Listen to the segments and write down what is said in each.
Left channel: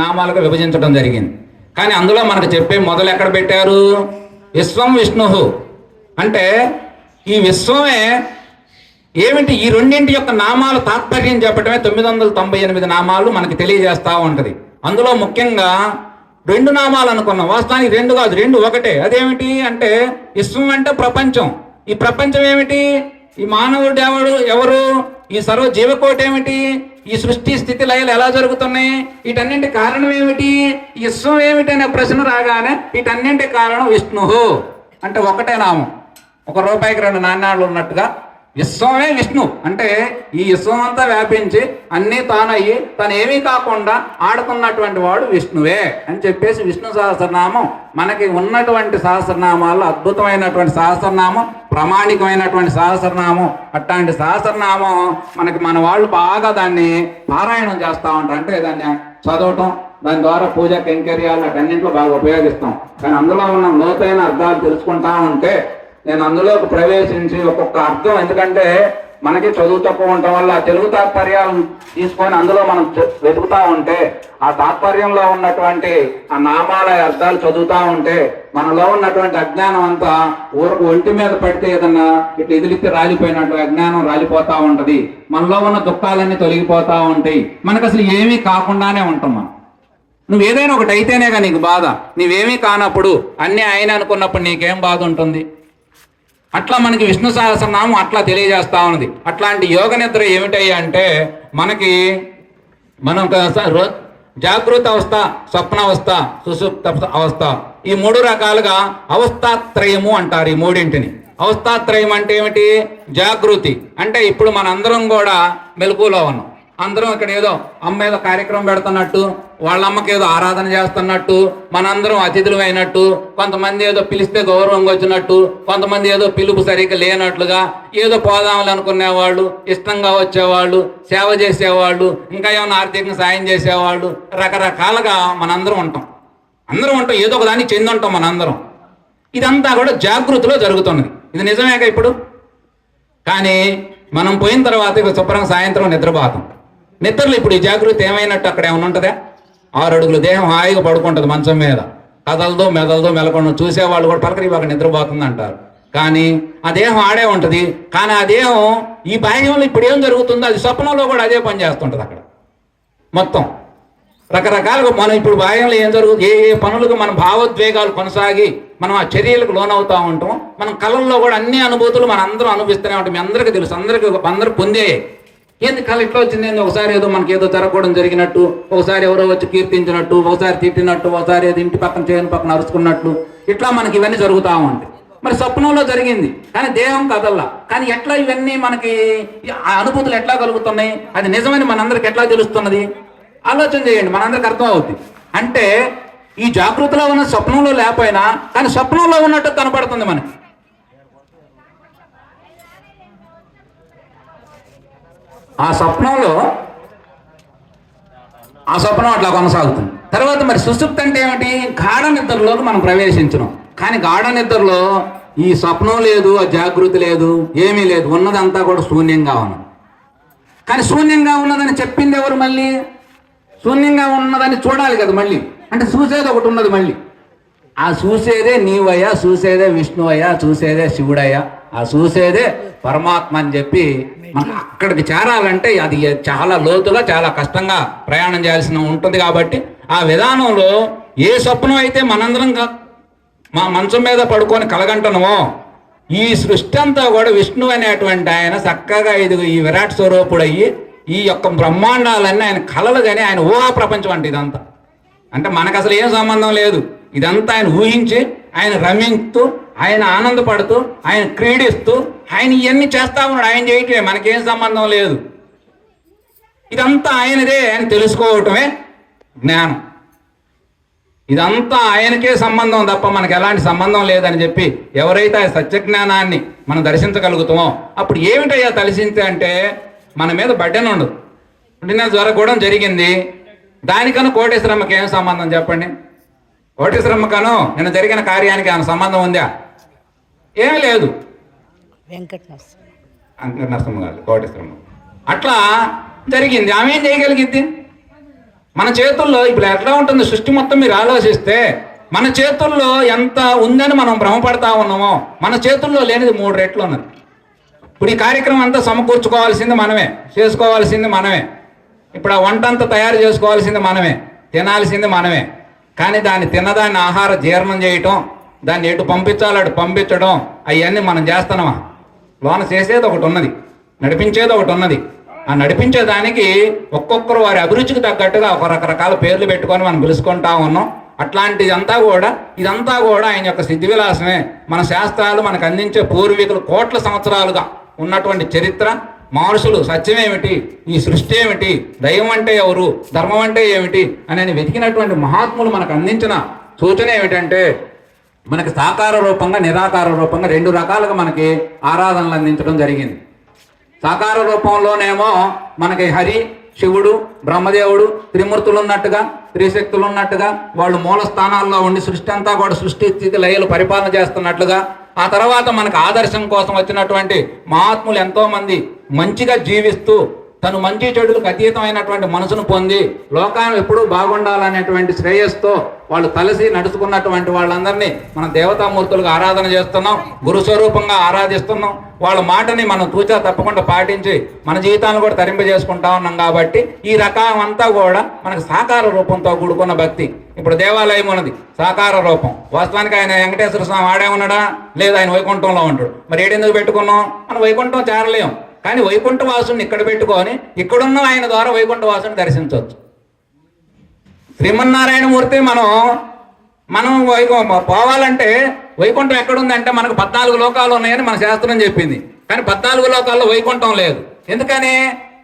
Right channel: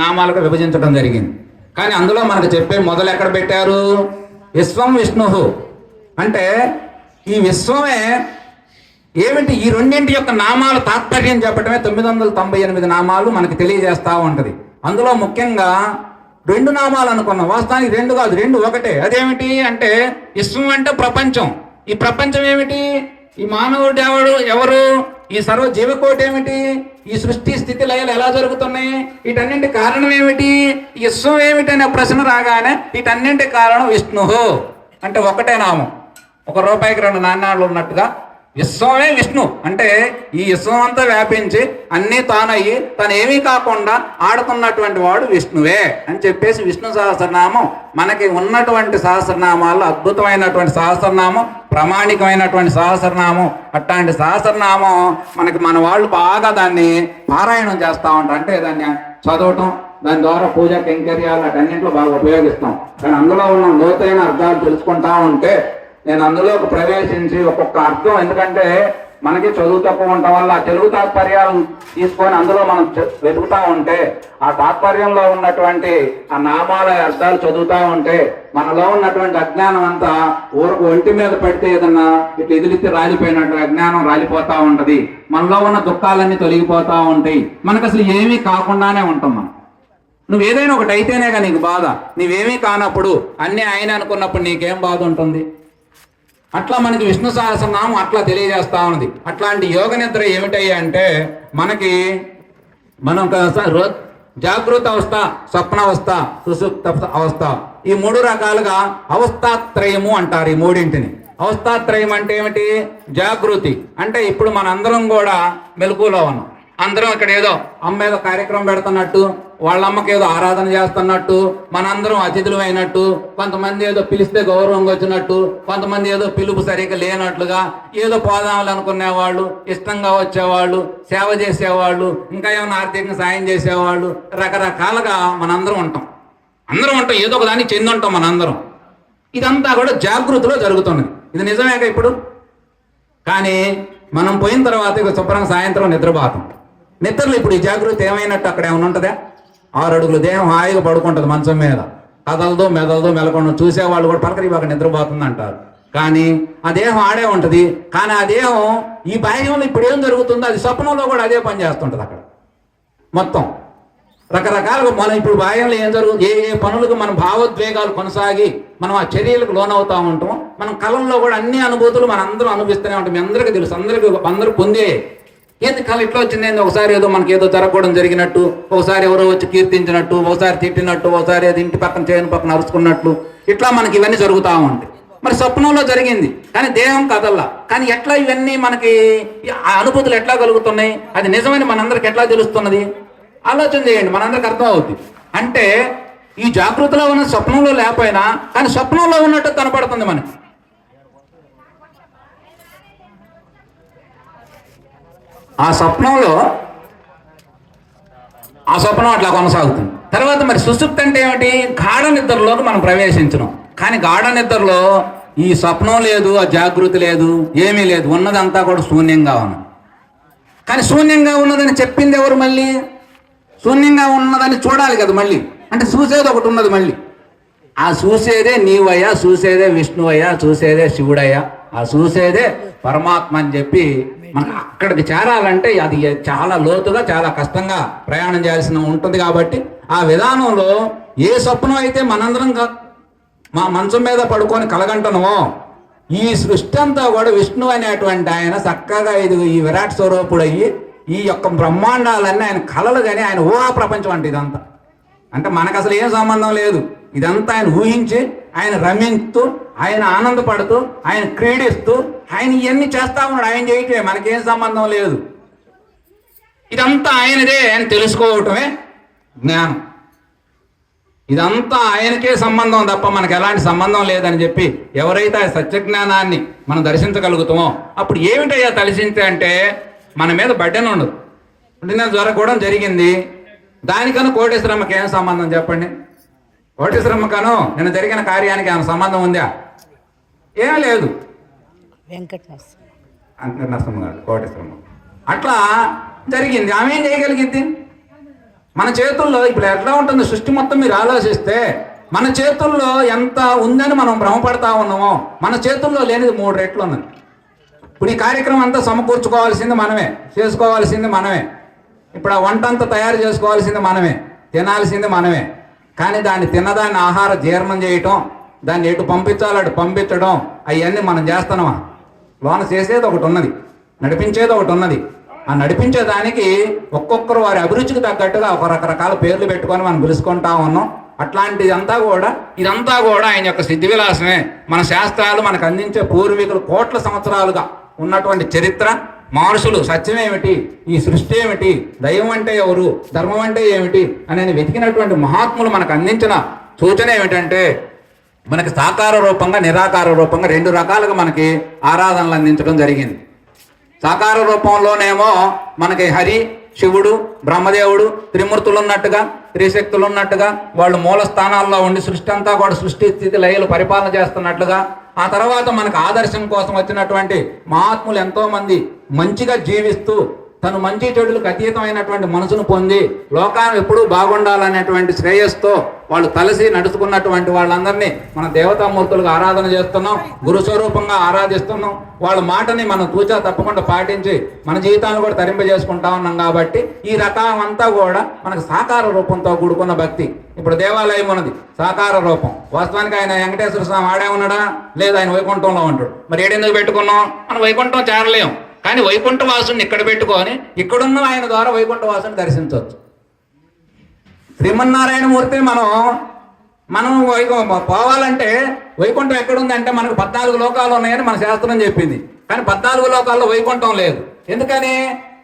నామాలుగా విభజించడం జరిగింది. కానీ అందులో మనకు చెప్పే మొదలు ఎక్కడ పెట్టారు? విశ్వం విష్ణు అంటే ఈ విశ్వమే ఏమిటి? ఈ రెండింటి యొక్క నామాల తాత్పర్యం చెప్పటమే 998 నామాలు మనకి తెలియజేస్తూ ఉంటుంది. అందులో ముఖ్యంగా 2 నామాలు అనుకున్నాం. వాస్తవానికి 2 కాదు, 2 ఒకటే. అదేమిటి అంటే విశ్వం అంటే ప్రపంచం. ఈ ప్రపంచం ఏమిటి? ఈ మానవుడు ఎవరు? ఈ సర్వ జీవకోటి ఏమిటి? ఈ సృష్టి స్థితి లయలు ఎలా జరుగుతున్నాయి? వీటన్నింటి కారణం ఏమిటి? విశ్వం ఏమిటి అనే ప్రశ్న రాగానే వీటన్నింటి కారణం విష్ణు అంటే ఒకటే నామం. 1 రూపాయికి 2 నాణ్యాలు ఉన్నట్టుగా విశ్వమే విష్ణు అంటే ఈ విశ్వం అంతా వ్యాపించి అన్నీ తానయ్యి తను ఏమీ కాకుండా ఆడుతున్నటువంటి వాడు విష్ణువే అని చెప్పేసి విష్ణు సహస్రనామం మనకి ఉన్నటువంటి సహస్రనామాల్లో అద్భుతమైనటువంటి సహస్రనామం, ప్రామాణికమైనటువంటి సహస్రనామం. అట్లాంటి సహస్రనామం మనకి మన వాళ్ళు బాగా దాన్ని పారాయణం చేస్తూ ఉంటాం. అంటే దాన్ని చదవటం, దాని ద్వారా పూజ కైంకర్యాలు అటన్నింటిలో బాగా ఉపయోగిస్తాం. కానీ అందులో ఉన్న లోతైన అర్థాలు తెలుసుకుంటా ఉంటే నేను అందులోకి ప్రవేశించి ఒక్కొక్క అర్థం, ఎందుకంటే మనకి చదువు తక్కువ ఉండటం వల్ల తెలుగు తాత్పర్యాలను తీసుకొని అందులో మనం వెతుకుతూ ఉంటే ఆ తాత్పర్యంలో ఉన్నటువంటి ఆ నామాల అర్థాలు చదువుతూ ఉంటే మనలో ఉన్నటువంటి అజ్ఞానం అంతా ఊరకు ఒంటి మీద పడితే ఏదన్నా ఇట్లా ఎదిలితే రాలిపోయినట్టు అజ్ఞానం రాలిపోతూ ఉంటది. మనలో ఉన్న దుఃఖాలన్నీ తొలగిపోతూ ఉంటాయి. మనకు అసలు ఏమీ కాకుండానే ఉంటున్నాం. నువ్వు ఏదైనా ఒకటి అయితేనేగా నీకు బాధ. నీవేమీ కానప్పుడు అన్నీ ఆయన అనుకున్నప్పుడు నీకేం బాధ ఉంటుంది? అట్లా మనకి విష్ణు సహస్రనామం అట్లా తెలియజేస్తా ఉన్నది. అట్లాంటి యోగ నిద్ర ఏమిటయ్యా అంటే మనకి మనం జాగృత అవస్థ, స్వప్న అవస్థ, సుషుప్త అవస్థ, ఈ 3 రకాలుగా అవస్థాత్రయము అంటారు. ఈ 3ంటిని అవస్థాత్రయం అంటే ఏమిటి? జాగృతి అంటే ఇప్పుడు మనందరం కూడా మెలకువలో ఉన్నాం. అందరం ఇక్కడ ఏదో అమ్మ ఏదో కార్యక్రమం పెడుతున్నట్టు, వాళ్ళ అమ్మకి ఏదో ఆరాధన చేస్తున్నట్టు, మనందరం అతిథులు అయినట్టు, కొంతమంది ఏదో పిలిస్తే గౌరవంగా వచ్చినట్టు, కొంతమంది ఏదో పిలుపు సరిగ్గా లేనట్లుగా, ఏదో పోదాములు అనుకునేవాళ్ళు, ఇష్టంగా వచ్చేవాళ్ళు, సేవ చేసేవాళ్ళు, ఇంకా ఏమైనా ఆర్థికంగా సాయం చేసేవాళ్ళు, రకరకాలుగా మనందరం ఉంటాం. అందరం ఉంటాం, ఏదో ఒక దానికి చెంది ఉంటాం మనందరం. ఇదంతా కూడా జాగృతిలో జరుగుతున్నది. ఇది నిజమేగా ఇప్పుడు? కానీ మనం పోయిన తర్వాత ఇక శుభ్రంగా సాయంత్రం నిద్రపోతాం. నిద్రలో ఇప్పుడు ఈ జాగృతి ఏమైనట్టు అక్కడ ఏమైనా ఉంటుందా? 6 అడుగులు దేహం హాయిగా పడుకుంటుంది మంచం మీద, కదలదో మెదలదో మెలకుండా చూసేవాళ్ళు కూడా పలకరి బాగా నిద్రపోతుంది అంటారు. కానీ ఆ దేహం ఆడే ఉంటుంది. కానీ ఆ దేహం ఈ బాహ్యంలో ఇప్పుడు ఏం జరుగుతుందో అది స్వప్నంలో కూడా అదే పని చేస్తుంటుంది. అక్కడ మొత్తం రకరకాలుగా మనం ఇప్పుడు బాహ్యంలో ఏం జరుగుతుంది, ఏ పనులకు మన భావోద్వేగాలు కొనసాగి మనం ఆ చర్యలకు లోనవుతూ ఉంటాం. మనం కళల్లో కూడా అన్ని అనుభూతులు మన అందరూ అనుభవిస్తూనే ఉంటాం. మీ అందరికీ తెలుసు, అందరూ పొందే. ఏంది కళ ఇట్లా వచ్చింది? ఒకసారి ఏదో మనకి ఏదో జరగడం జరిగినట్టు, ఒకసారి ఎవరో వచ్చి కీర్తించినట్టు, ఒకసారి తిట్టినట్టు, ఒకసారి ఏదో ఇంటి పక్కన చేయని పక్కన అరుచుకున్నట్లు, ఇట్లా మనకి ఇవన్నీ జరుగుతూ ఉంటాయి. మరి స్వప్నంలో జరిగింది కానీ దేహం కదల్లా. కానీ ఎట్లా ఇవన్నీ మనకి ఆ అనుభూతులు ఎట్లా కలుగుతున్నాయి? అది నిజమని మనందరికి ఎట్లా తెలుస్తున్నది? ఆలోచన చేయండి, మనందరికి అర్థం అవుతుంది. అంటే ఈ జాగృతిలో ఉన్న స్వప్నంలో లేకపోయినా కానీ స్వప్నంలో ఉన్నట్టు కనపడుతుంది మనకి. ఆ స్వప్నం అట్లా కొనసాగుతుంది. తర్వాత మరి సుషుప్తి అంటే ఏమిటి? గాఢ నిద్రలోకి మనం ప్రవేశించడం. కానీ గాఢ నిద్రలో ఈ స్వప్నం లేదు, ఆ జాగృతి లేదు, ఏమీ లేదు, ఉన్నదంతా కూడా శూన్యంగా ఉన్నది. కానీ శూన్యంగా ఉన్నదని చెప్పింది ఎవరు? మళ్ళీ శూన్యంగా ఉన్నదని చూడాలి కదా మళ్ళీ. అంటే చూసేది ఒకటి ఉన్నది మళ్ళీ. ఆ చూసేదే నీవయ్యా, చూసేదే విష్ణువయ్యా, చూసేదే శివుడయ్యా, ఆ చూసేదే పరమాత్మ అని చెప్పి మనం అక్కడికి చేరాలంటే అది చాలా లోతుగా చాలా కష్టంగా ప్రయాణం చేయాల్సి ఉంటుంది. కాబట్టి ఆ విధానంలో ఏ స్వప్నం అయితే మనందరం మా మంచం మీద పడుకొని కలగంటనమో, ఈ సృష్టి అంతా కూడా విష్ణు అనేటువంటి ఆయన చక్కగా ఈ విరాట్ స్వరూపుడు అయ్యి ఈ యొక్క బ్రహ్మాండాలన్నీ ఆయన కళలు, కానీ ఆయన ఊహా ప్రపంచం అంటే ఇదంతా. అంటే మనకు అసలు ఏం సంబంధం లేదు. ఇదంతా ఆయన ఊహించి, ఆయన రమించుతూ, ఆయన ఆనందపడుతూ, ఆయన క్రీడిస్తూ, ఆయన ఇవన్నీ చేస్తా ఉన్నాడు. ఆయన చేయటమే, మనకేం సంబంధం లేదు. ఇదంతా ఆయనదే అని తెలుసుకోవటమే జ్ఞానం. ఇదంతా ఆయనకే సంబంధం తప్ప మనకు ఎలాంటి సంబంధం లేదని చెప్పి ఎవరైతే ఆ సత్యజ్ఞానాన్ని మనం దర్శించగలుగుతామో అప్పుడు ఏమిటయ్యా దర్శించే అంటే మన మీద బడ్డెన ఉండదు. జరగడం జరిగింది. దానికన్నా కోటేశ్వరమ్మకి ఏం సంబంధం చెప్పండి? కోటేశ్వరమ్మకను నిన్న జరిగిన కార్యానికి ఏమైనా సంబంధం ఉందా? ఏమీ లేదు. వెంకటనరసింహ గారు కోటేశ్వరమ్మ అట్లా జరిగింది. ఆమె ఏం చేయగలిగింది? మన చేతుల్లో ఇప్పుడు ఎట్లా ఉంటుంది సృష్టి మొత్తం మీరు ఆలోచిస్తే మన చేతుల్లో ఎంత ఉందని మనం భ్రమపడతా ఉన్నామో మన చేతుల్లో లేనిది 3 రెట్లు ఉన్నది. ఇప్పుడు ఈ కార్యక్రమం అంతా సమకూర్చుకోవాల్సింది మనమే, చేసుకోవాల్సింది మనమే. ఇప్పుడు ఆ వంట అంతా తయారు చేసుకోవాల్సింది మనమే, తినాల్సింది మనమే. కానీ దాన్ని తిన్నదాన్ని ఆహార జీర్ణం చేయటం, దాన్ని ఎటు పంపించాలో అటు పంపించడం అవన్నీ మనం చేస్తున్నామా? లోన చేసేది ఒకటి ఉన్నది, నడిపించేది ఒకటి ఉన్నది. ఆ నడిపించేదానికి ఒక్కొక్కరు వారి అభిరుచికి తగ్గట్టుగా ఒక రకరకాల పేర్లు పెట్టుకొని మనం పిలుచుకుంటా ఉన్నాం. ఇదంతా కూడా ఆయన యొక్క సిద్ధి విలాసమే. మన శాస్త్రాలు మనకు అందించే పూర్వీకులు కోట్ల సంవత్సరాలుగా ఉన్నటువంటి చరిత్ర, మహర్షులు సత్యం ఏమిటి, ఈ సృష్టి ఏమిటి, దైవం అంటే ఎవరు, ధర్మం అంటే ఏమిటి అని వెతికినటువంటి మహాత్ములు మనకు అందించిన సూచన ఏమిటంటే మనకి సాకార రూపంగా నిరాకార రూపంగా 2 రకాలుగా మనకి ఆరాధనలు అందించడం జరిగింది. సాకార రూపంలోనేమో మనకి హరి, శివుడు, బ్రహ్మదేవుడు, త్రిమూర్తులు ఉన్నట్టుగా, త్రిశక్తులు ఉన్నట్టుగా వాళ్ళు మూల స్థానాల్లో ఉండి సృష్టి అంతా కూడా సృష్టి స్థితి లయలు పరిపాలన చేస్తున్నట్లుగా. ఆ తర్వాత మనకు ఆదర్శం కోసం వచ్చినటువంటి మహాత్ములు ఎంతో మంది మంచిగా జీవిస్తూ తను మంచి చెడులకు అతీతమైనటువంటి మనసును పొంది లోకాన్ని ఎప్పుడూ బాగుండాలనేటువంటి శ్రేయస్తో వాళ్ళు తలసి నడుచుకున్నటువంటి వాళ్ళందరినీ మన దేవతామూర్తులుగా ఆరాధన చేస్తున్నాం, గురుస్వరూపంగా ఆరాధిస్తున్నాం. వాళ్ళ మాటని మనం తూచా తప్పకుండా పాటించి మన జీవితాలను కూడా తరింపజేసుకుంటా ఉన్నాం. కాబట్టి ఈ రకం అంతా కూడా మనకు సాకార రూపంతో కూడుకున్న భక్తి. ఇప్పుడు దేవాలయం ఉన్నది సాకార రూపం. వాస్తవానికి ఆయన వెంకటేశ్వర స్వామి ఆడే ఉన్నాడా? లేదు, ఆయన వైకుంఠంలో ఉంటాడు. మరి ఏడెందుకు పెట్టుకున్నాం? మనం వైకుంఠం చేరలేం. కానీ వైకుంఠ వాసుని ఇక్కడ పెట్టుకొని ఇక్కడున్న ఆయన ద్వారా వైకుంఠ వాసుని దర్శించవచ్చు. శ్రీమన్నారాయణమూర్తి మనం పోవాలంటే వైకుంఠం ఎక్కడుందంటే మనకు 14 లోకాలు ఉన్నాయని మన శాస్త్రం చెప్పింది. కానీ 14 లోకాల్లో వైకుంఠం లేదు. ఎందుకని?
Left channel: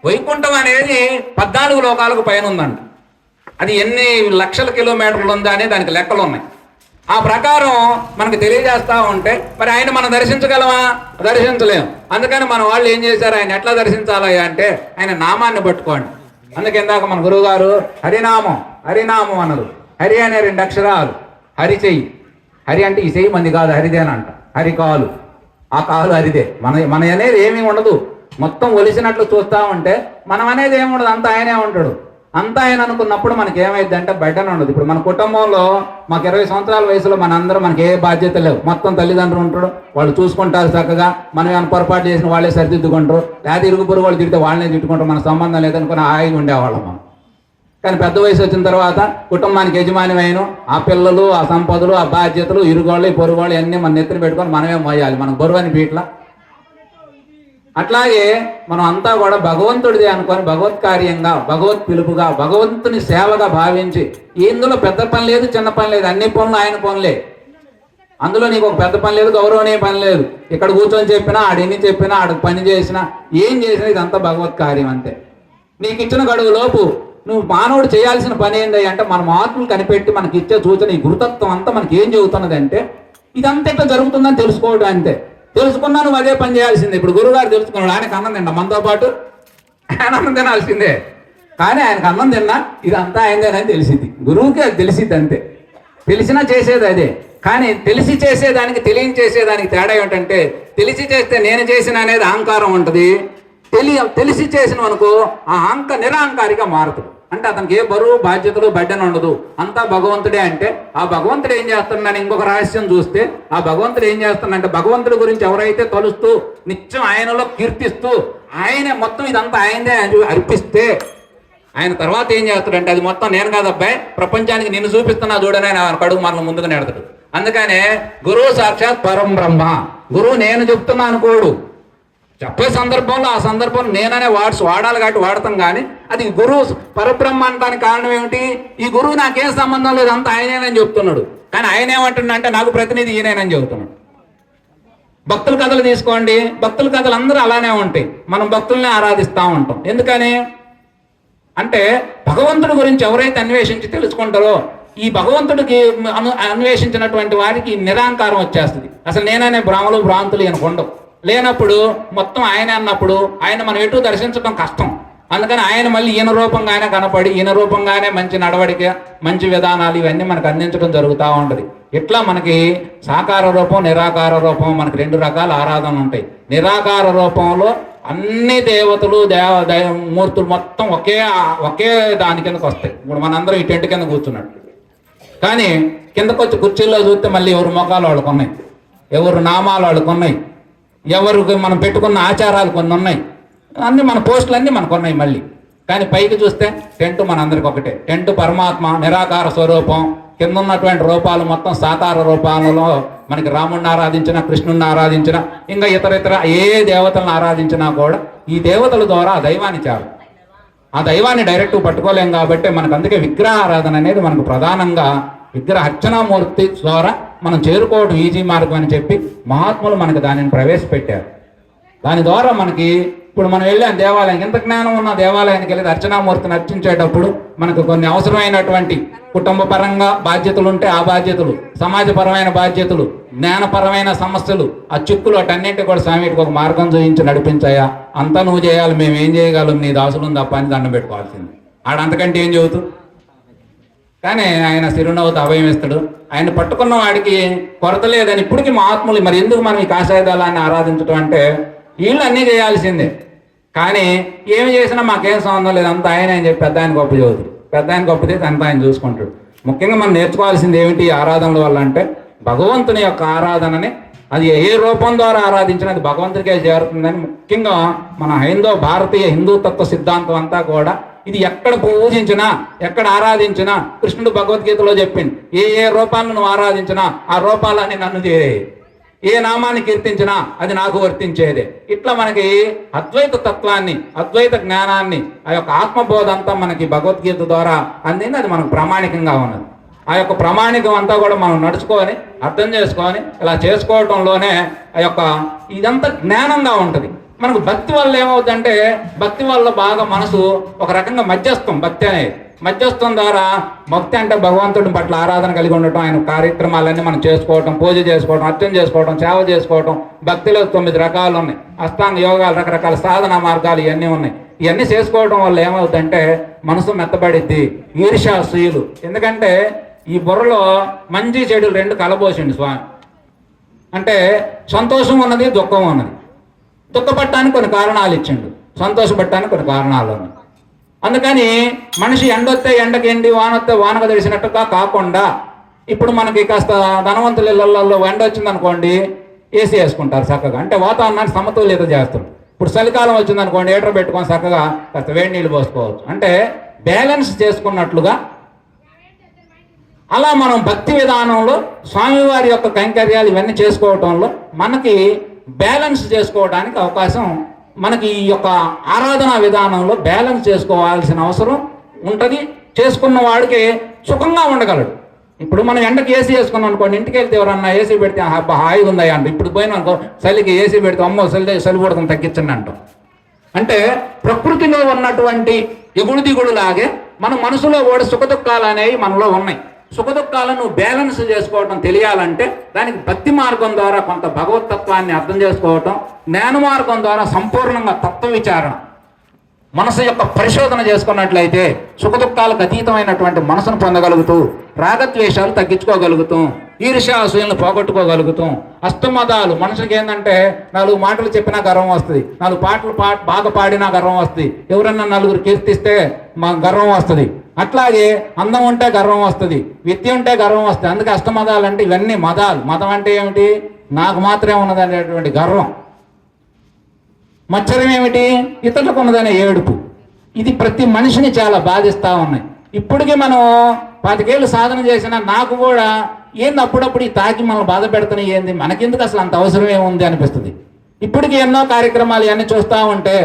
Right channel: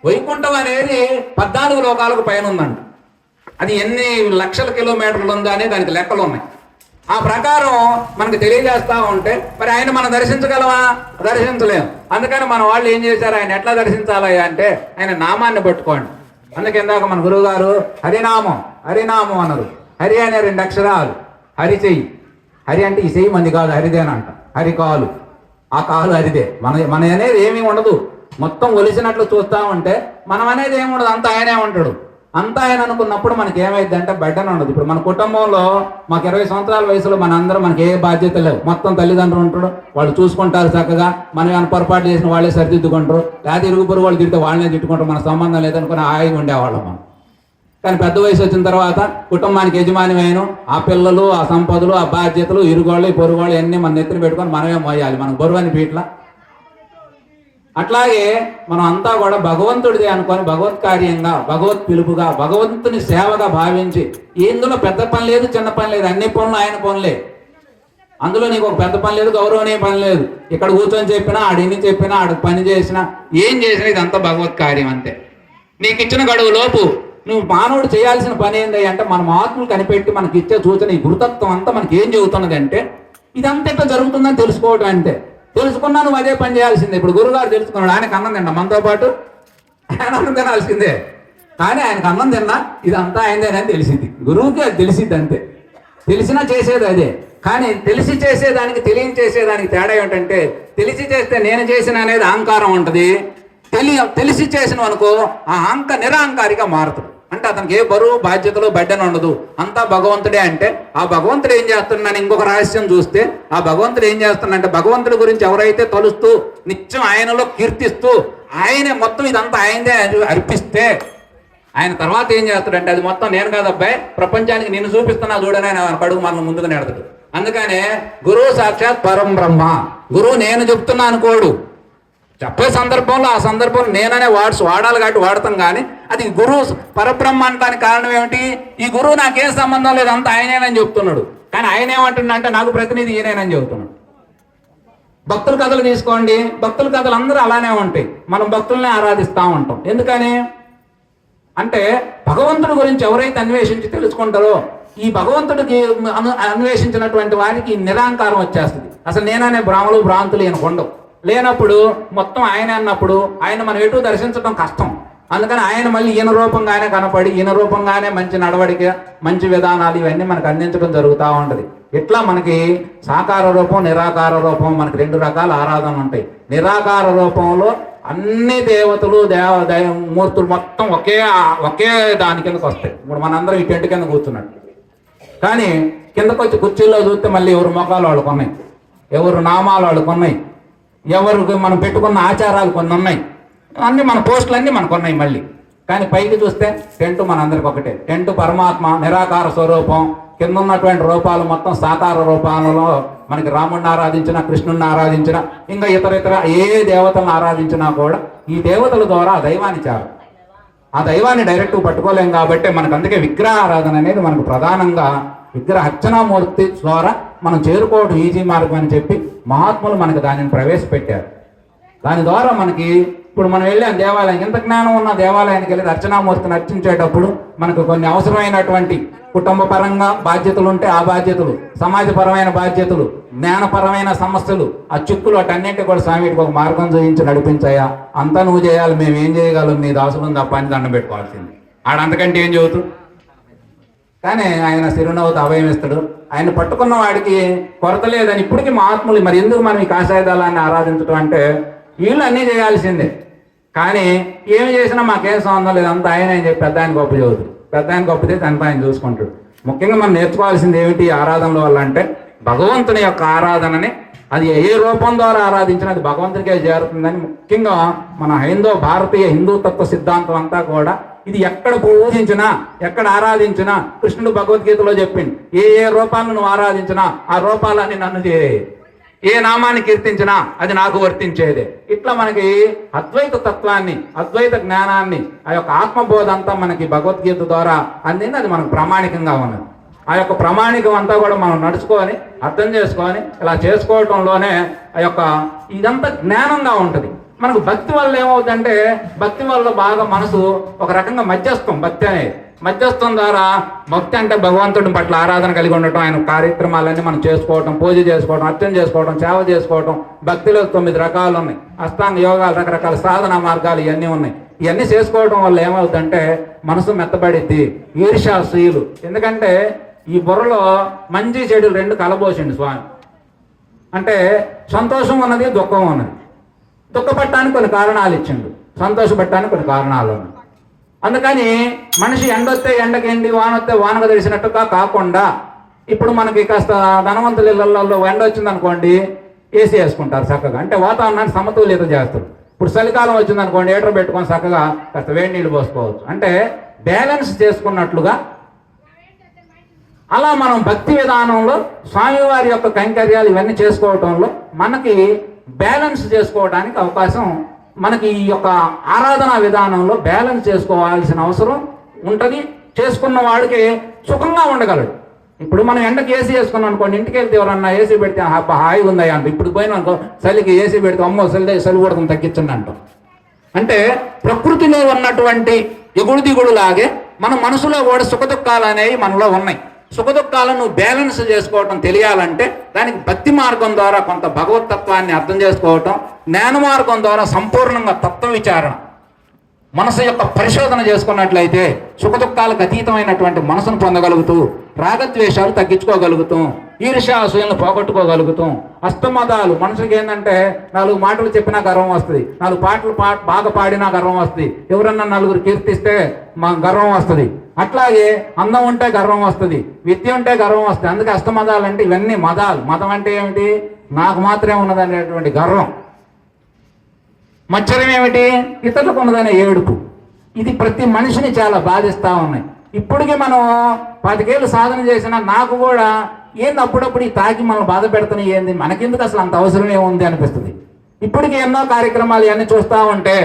వైకుంఠం అనేది 14 లోకాలకు పైన ఉందంట. అది ఎన్ని లక్షల కిలోమీటర్లు ఉందా అనే దానికి లెక్కలు ఉన్నాయి. ఆ ప్రకారం మనకు తెలియజేస్తా ఉంటే మరి ఆయన మనం దర్శించగలమా? దర్శించలేము. అందుకని మన వాళ్ళు ఏం చేశారు, ఆయన ఎట్లా దర్శించాలి అంటే ఆయన నామాన్ని పట్టుకోండి. అందుకే ఇందాక మన గురువు గారు హరినామం అన్నారు. హరి అనే 2 అక్షరాలు, హరి చెయ్యి. హరి అంటే ఈ చెయ్యి మంది కాదు, హరిదేనంట. హరి కాలు, ఆ కాలు హరిదే. మన అనేది ఏమీ ఉండదు. మొత్తం ఒలిసినట్లు చూస్తా ఉంటే మనం అనేది ఏమి ఉండదు, అంతా ఆయనే ఉంటాడు. అంతా ఆయన అనుకున్నప్పుడు మనకి ఏమైంది అంటే బయటనే ఉండదు. ఇప్పుడు మన కుటుంబంలో మాకు 20 సంవత్సరాల వయసులో మనకి ఏ బాధ్యత లేవు. మొత్తం తల్లిదండ్రులు ఉంటాడు, వాళ్ళు చూసుకుంటారు చక్కగా. మనం ఏమైనా పొరపాటు చేసిన వాళ్ళే సరిదిద్దుకుంటారు, లేదా ఇరుగు పొరుగు వాళ్ళు తిడితే వాళ్ళనే తిట్టుకుంటారు. మన సంబంధం లేదనుకుని హాయిగా ఉండేవాళ్ళం మనం. కానీ పెద్ద వయసు వచ్చిన తర్వాత కుటుంబానికి యజమానిమైన ఆ పిల్లలు, ఆ సంపదలు, ఆ బాధ్యతలు, ఇరుగోళ్ళు పొరుగోళ్ళు అన్నీ మన నెత్తిన పెట్టుకొని మనమే మోయాలి. మనం బరువని పీట్ల. అట్లాగే మనం అంతా కూడా భగవంతుడిది అనుకొని భగవత్ కార్యంగా, భగవత్ పిలుపుగా, భగవంతుని సేవగా భావించి ఇందులో పెద్ద పని లేదు, చిన్న పని లేదు, అన్ని పనులు ఆయన పనులే. అందులో నీకు ఒక పెద్ద పని లేదు, గౌరవనీయ పని లేదు. ఇక్కడ కూర్చొని చెప్పినా, ఆడెన్ని చెప్పినా, ఆడ పని చేసినా, ఏం చేసినా ఇదంతా భగవత్ కార్యం అంతే. నీకు ఇచ్చిన గడువు లోపు నువ్వు మానవుడు చేయాల్సిన పని ఏంటి అంటే మన ఆత్మను కనిపెట్టి మనకి ఇచ్చే సూచన ఈ గురుతత్వం అంతా మనకి ఏం చెబుతున్నది అంటే ఇదంతా ఎట్లా జరుగుతుందని తెలుసుకోవడం అంతే. తెలుసుకున్నా నువ్వు అదే పని చేయాల్సిందే. ఇప్పుడు గురువుగారు తెలుసుకున్నాడు, ఆయనకు అన్నం తిన్నా, మనతో పాటు ఆయన అన్నం తినాల్సిందే. కానీ ఆయనకు అన్నం తిన్నా ఇదంతా ఆయనదేనని తెలిసింది. గురువుకి అది తెలిసిద్ది అంతే. తెలిసినా చేసేది అదే. కానీ తెలిసి చేసేదానికి తెలియని చేసేదానికి తేడా ఏంటంటే తెలిసి చేస్తే నేను చేసిన అనేది అహంకారం ఉంటుంది. తెలిసి చేసిన అనుకో ఆ నిరహంకారిగా మారుతుంది. అంటే అతనికి ఏ బరువు బాధ్యతలు బడ్డన ఉండదు, అంతా భగవంతుడే. అంటే ఆ భగవంతుడు ఏం చేస్తున్నాను ఇంకొక రహస్యం చూస్తే ఆ భగవంతుడు ఏం చేస్తున్నాడంటే భగవంతుడి గురించి ఎవరైతే తలుస్తూ నిత్యం ఆయనలో కీర్తిస్తూ ఆయనే మొత్తం ఇదంతా ఆయనదే అర్పిస్తే ఆయన తర్వాత ఏం చేస్తాడంటే అది మొత్తం నేను కాదబ్బాయి ప్రపంచానికి నిన్ను చూపిస్తున్నా చూడని ఆయన కడుగు మనం ముందుకు నెడతాడు. అందుకనే గురువు సాక్షాత్ పరం బ్రహ్మ. గురువు నేను చెప్తున్నా అనుకోడు. చెప్పే సందర్భంలో ఆ సందర్భంలో నేననే వర్డ్స్ వాడాలి కాబట్టి వాడతాం. కానీ అది గురువు పరబ్రహ్మ అనడానికి కారణం ఏమిటి? ఈ గురువు నాకేం సంబంధం లేదు, అంతా ఆయనేనని చెప్తున్నాడు. కానీ ఆయన ఏమంటున్నా అంటే నాకు ప్రతినిధి ఈయనేనని చెబుతున్నాడు. భక్తుల కథలు తీసుకోండి, భక్తుల కథలు అందరూ అలానే ఉంటాయి. మనం భక్తుల్ని ఆరాధిస్తూ ఉంటాం. ఎందుకని అంటే భగవంతుడి గురించి ఎవరైతే అన్వేషించి తెలుసుకుంటారో ఈ భగవంతుడికి అన్వేషించినటువంటి వారికి నిరహంకారం వచ్చేస్తుంది. అసలు నేననే భ్రాంతులు ఈయనకు ఉండవు. లేనప్పుడు మొత్తం ఆయన అన్నప్పుడు ఆయన మనం ఎటు దర్శించడం కష్టం. అందుకని ఆయన మళ్ళీ ఈయన రూపంగానే కనపడి ఈయన రూపంగానే మంచి నడవడిక, మంచి విధానాలు ఇవన్నీ మనకు అందించడం జరుగుతూ ఉంటుంది. ఇట్లా మనకి సాకార రూపం, నిరాకార రూపం, మనకి 2 రకాల ఆరాధన ఉంటాయి. నిరాకార రూపంలో అన్ని దేవతలు మూర్తులు మొత్తం ఒకే దాని కిందకు వస్తాయి. ఇప్పుడు మనందరం ఈ టెంట్ కింద కూర్చున్నట్టు. కానీ కిందకు వచ్చి కుర్చీల్లో చూస్తే మళ్ళీ ఎవరు ముఖాలు వాళ్ళకు ఉన్నాయి, ఎవరు నామాలు వాళ్ళకు ఉన్నాయి, ఎవరికి మనం పెట్టుకున్న ఆచారాలు కొన్ని ఉన్నాయి, అన్నీ మన పోస్టులు అన్నీ మనకు ఉన్నాయి మళ్ళీ. కానీ పైకి చూస్తే టెంట్ మనందరికి ఒకటే. టెంట్ పరమాత్మ నిరాకార స్వరూపం, కింద ఉన్నటువంటి రూపాలు మొత్తం సాకార రూపాలలో మనకి రాముడిని ఆరాధించినా, కృష్ణుడిని ఆరాధించినా, ఇంకా ఇతర ఏ దేవతలను ఆరాధించినా కూడా ఈ దేవతల ద్వారా ఆ దైవాన్ని చేరాలి. ఆ దైవాన్ని డైరెక్ట్ పట్టుకోలేం కాబట్టి మనకు అందుకే విగ్రహ ఆరాధన అనేది మనకు ప్రధానంగా విగ్రహ అర్చనామూర్తి ద్వారా మనం చేరుకోవడం ఈజీ మార్గం అని చెప్పి మహాత్ములు మనకి దానిని ప్రవేశపెట్టారు. దాని ద్వారా మనకి ఇప్పుడు మనం వెళ్ళాం దేవాలయం, ఎంత జ్ఞానం ఉన్న దేవాలయానికి వెళ్ళి అర్చనామూర్తిని అర్చించేటప్పుడు మనకు కొన్ని అవసరమైనటువంటి కుటుంబ పరంగా బాధ్యతలు ఉంటే ఆ బాధ్యతలు, సమాజపరమైన బాధ్యతలు, జ్ఞానపరమైన సమస్యలు, ఆ చిక్కులు అటన్నింటి కూడా స్వామికి ఒక మార్గం చూపించి నడిపించాయా. అంతా నువ్వు చేయాలి, మేము ఏం చేయగలం, నీ దాసులను తప్ప అని దండం పెట్టుకోవాల్సింది. ఆడంతకంటే ఏం చెబుతూ. కానీ ఆయన చిరునవ్వుతో అభయం ఇస్తాడు. ఆయన పట్టుకున్న వాడికి కొరత లేదని ఇప్పటికీ మహాత్ములు. మరి ఎందుకు మనం ఈ కాషాయదాలాన్ని ఆరాధించడం అంటే వీళ్ళు అన్నీ చేయాల్సిందే, కానీ ఏమి చేసినా మాకేం సంబంధం లేదు, అంతా ఆయన అని చెప్పి పెద్ద ఆయన గొప్ప చదువుతాడు. పెద్ద ఆయన గొప్ప చేసి అంతా ఆయన చూసుకుంటాడు. ముఖ్యంగా మనం నేర్చుకోవాల్సింది ఏమిటి ఆరాధనల వల్ల అంటే భగవంతుని యొక్క ఆరాధనని అది ఏ రూపం ద్వారా ఆరాధించినా అది భగవంతుడికే చేరుతుందని. ముఖ్యంగా మన భారతీయ హిందూ తత్వ సిద్ధాంతం అంతా కూడా ఇది ఎక్కడ పూజించినా, ఎక్కడ ఆరాధించినా, కృష్ణుడు భగవద్గీతలో చెప్పింది, ఏ రూపాలను నువ్వు ఆరాధించినా ఆ రూపాలన్నీ నన్ను చేరే, ఏ నామాన్ని కీర్తించినా అది నాకు వర్తించేదే. ఇట్లా మనకి అద్వైత తత్వాన్ని, అద్వైత జ్ఞానాన్ని, ఆ యొక్క ఆత్మబోధ అంతా మనకి భగవద్గీత ద్వారా అందింది. అది మనకు ప్రామాణికంగా ఉన్నది. ఆ యొక్క ప్రామాణికం అంతా కూడా మనం నడుచుకొని అర్థం చేసుకొని ఇలా చేసుకోవటంలోనే ఆ యొక్క ఇదంతా జ్ఞానంగా ఉంటుంది. మనకు భక్తి వల్ల ఏమవుతుందంటే భక్తి వల్ల బాగా మనసు ఒక రకంగా మధ్యస్థం. భక్తి అనేది మధ్యస్థం ద్వారా, భక్తి అంటే భగవంతుడి పట్ల ఆరాధన కలిగి ఉండటం, ఆయన కార్యక్రమాలన్నీ మనం చేసుకోవటం, పూజ చేసుకోవడం, అర్చన చేసుకోవడం, సేవ చేసుకోవటం. భక్తిలో 9 రకాలు ఉన్నాయి, అష్టాంగ యోగాలు, రకరకాల సాధన మార్గాలు ఇవన్నీ ఉన్నాయి. ఇవన్నీ చేసుకోవడం వల్ల ఏమవుతుందంటే మనసు మెత్తబడిద్ది. ఈర్ష్యాసూయులు, ఎందుకంటే ఈ బుర్రలో మంచి చెడులు 2 కలబోసిండు స్వామి. అంటే సంతోషం ఉన్నది, దుఃఖం ఉన్నది. దుఃఖపడటానికి కొన్ని కారణాలు ఇచ్చిండు, సంతోషపడటానికి కొన్ని కారణాలు ఉన్నాయి. అందుకని మనిషి ఎండొస్తే ఎండకేంటి, వానొస్తే వానకు తెలిసినట్టుగా కాకుండా, ఇప్పుడు మనకి కాస్త ధనవంతుల ఇళ్లలో ఎండ వచ్చింది అనుకోండి, ఏసీ వేసుకుంటారు చక్కగా, అంటే వాతావరణాన్ని సమతుల్యత చేస్తారు. ఇప్పుడు చలికాలం వచ్చింది అనుకోండి, హీటర్ పెట్టుకొని చక్కగా కాస్త వేడి నీళ్ళు పోసుకోవచ్చు. అంటే బ్యాలెన్స్ చేసుకున్నట్లుగా అలా మనం భక్తి విధానంలో స్వామివారి యొక్క కైంకర్యాలు ఇవన్నీ చేసుకోవటంలో మనకి బ్యాలెన్స్ చేసుకోవడానికి అవకాశం, మనకి ఈ యొక్క ఆరాధన విధానంలో బ్యాలెన్స్ చేసుకోవాల్సిన అవసరం ఉంటుంది. చేసుకున్న వాడికి సుఖంగా ఉండగలడు. ఇప్పుడు మనం ఎండకి ఏసీ వేసుకున్నాం అనుకోండి, ఇంటికి వెళ్తే ఎవరన్నా ఏసీ పెడితే హాయిగా ఉందా అంట. ఇప్పుడు పోయిన అనుకో చలికి ఏసీ పెడితే అమ్మో చలి కూడా తగ్గించండి అంటాం. అంటే ప్రకృతిలో ఉన్నటువంటి ఎగుడు దిగుడు లాగే మన మనసులో కూడా సుఖదుఖాలు అనేవి మనలో ఉన్నాయి. సుఖదుఖాలను బ్యాలెన్స్ చేసుకోవటం తెలియాలంటే దానికి భక్తి మార్గం ద్వారా కొంత భగవతత్వాన్ని అర్థం చేసుకోవటం, జ్ఞాన మార్గం ద్వారా సంపూర్ణంగా తత్వ విచారణ, మనసు యొక్క పరిశోధన చేసుకున్నట్లయితే సుఖదుఖాలకు అతీతమైనటువంటి మనసును పొందగలుగుతూ, రాగద్వేషాలు తగ్గించుకోగలుగుతాం, ఈర్ష్యాసూయలను పోగొట్టుకోగలుగుతాం. అష్టమదాలు మనుషులకి ఏంటంటే 4 మాటలు చెప్పినా గర్వం వస్తుంది, 4 పాటలు బాగా పాడినా గర్వం వస్తుంది, ఎవరన్నా 4 కీర్తిస్తే మా గర్వం వస్తుంది. అట్లాగే అందం ఉంటే గర్వం వస్తుంది, విద్య ఉంటే గర్వం వస్తుంది. అందుకే అష్టమదాలు అంటే ఇవన్నీ మదాలు. మతం అంటే ఏమిటి? నాకు మాత్రమే ఉన్నదనేటువంటి గర్వం. మత్సరం ఏమిటి? ఇతరులకు ఉన్నదనే ఏడుపు. ఇది ప్రతి మనిషిని చాలా బాధిస్తూ ఉన్నాయి. ఇప్పటికీ మనం 25 ఏళ్ళు సాధన చేసినా నాకు కూడా ఏంది అప్పుడప్పుడు ఈ తాకి మనం బాధ పెడుతున్నాయి, ఏంది మనకెందుకు అసలు అంత అవసరం ఏముంది అనిపిస్తుంది. ఇప్పటికీ ఎన్నో కార్యక్రమాలు ఇవన్నీ చూస్తూ ఉంటే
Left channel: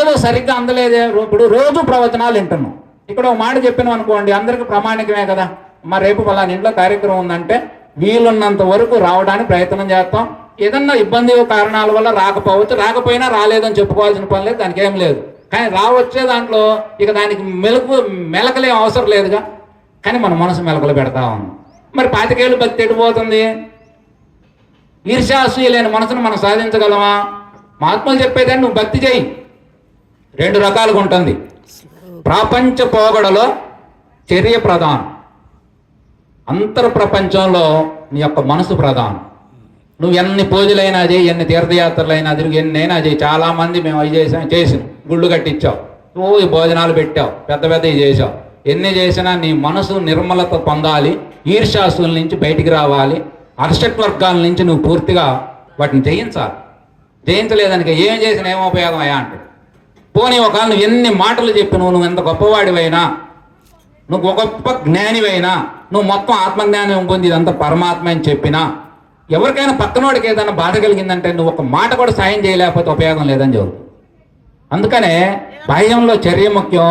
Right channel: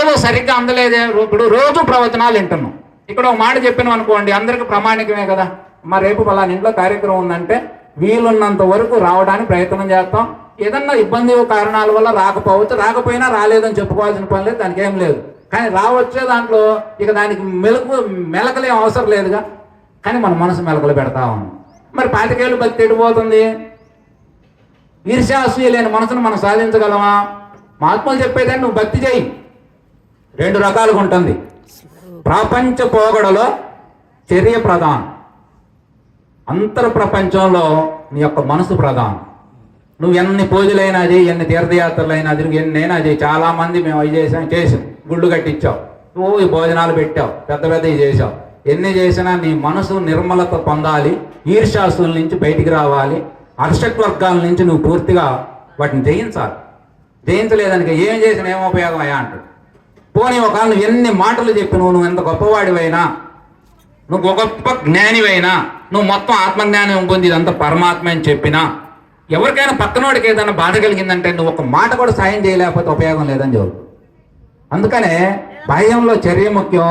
ఏదో సరిగ్గా అందలేదే. ఇప్పుడు రోజు ప్రవచనాలు వింటున్నాం. ఇక్కడ ఒక మాట చెప్పినాం అనుకోండి, అందరికీ ప్రామాణికమే కదా. మా రేపు పలానా ఇంట్లో కార్యక్రమం ఉందంటే వీలున్నంత వరకు రావడానికి ప్రయత్నం చేస్తాం. ఏదన్నా ఇబ్బంది కారణాల వల్ల రాకపోవచ్చు, రాకపోయినా రాలేదని చెప్పుకోవాల్సిన పని లేదు, దానికి ఏం లేదు. కానీ రావచ్చే దాంట్లో ఇక దానికి మెలకలే అవసరం లేదుగా. కానీ మన మనసు మెలకలు పెడతా ఉన్నాం. మరి 25 ఏళ్ళు భక్తి ఎడిపోతుంది. ఈర్ష్యాసూయ లేని మనసును మనం సాధించగలమా? మహాత్ములు చెప్పేదాన్ని నువ్వు భక్తి చేయి. 2 రకాలుగా ఉంటుంది. ప్రపంచ పోగడలో చర్య ప్రధానం, అంతర్ ప్రపంచంలో నీ యొక్క మనసు ప్రధానం. నువ్వు ఎన్ని పూజలైనా చేయి, ఎన్ని తీర్థయాత్రలైనా తిరిగి ఎన్నైనా చేయి. చాలామంది మేము అవి చేసాం గుళ్ళు కట్టించావు, నువ్వు ఈ భోజనాలు పెట్టావు, పెద్ద పెద్దవి చేసావు. ఎన్ని చేసినా నీ మనసు నిర్మలత పొందాలి, ఈర్ష్యాసుల నుంచి బయటికి రావాలి, అర్షట్ వర్గాల నుంచి నువ్వు పూర్తిగా వాటిని జయించాలి. జయించలేదానికి ఏం చేసినా ఏం ఉపయోగం అయ్యా అంటాడు. పోనీ ఒకవేళ నువ్వు ఎన్ని మాటలు చెప్పి నువ్వు ఎంత గొప్పవాడివైనా, నువ్వు గొప్ప జ్ఞానివైనా, నువ్వు మొత్తం ఆత్మజ్ఞానం పొంది ఇదంతా పరమాత్మ అని చెప్పినా, ఎవరికైనా పక్కనోడికి ఏదైనా బాధ కలిగిందంటే నువ్వు ఒక మాట కూడా సాయం చేయలేకపోతే ఉపయోగం లేదని జరుగుతుంది. అందుకనే బాహ్యంలో చర్య ముఖ్యం,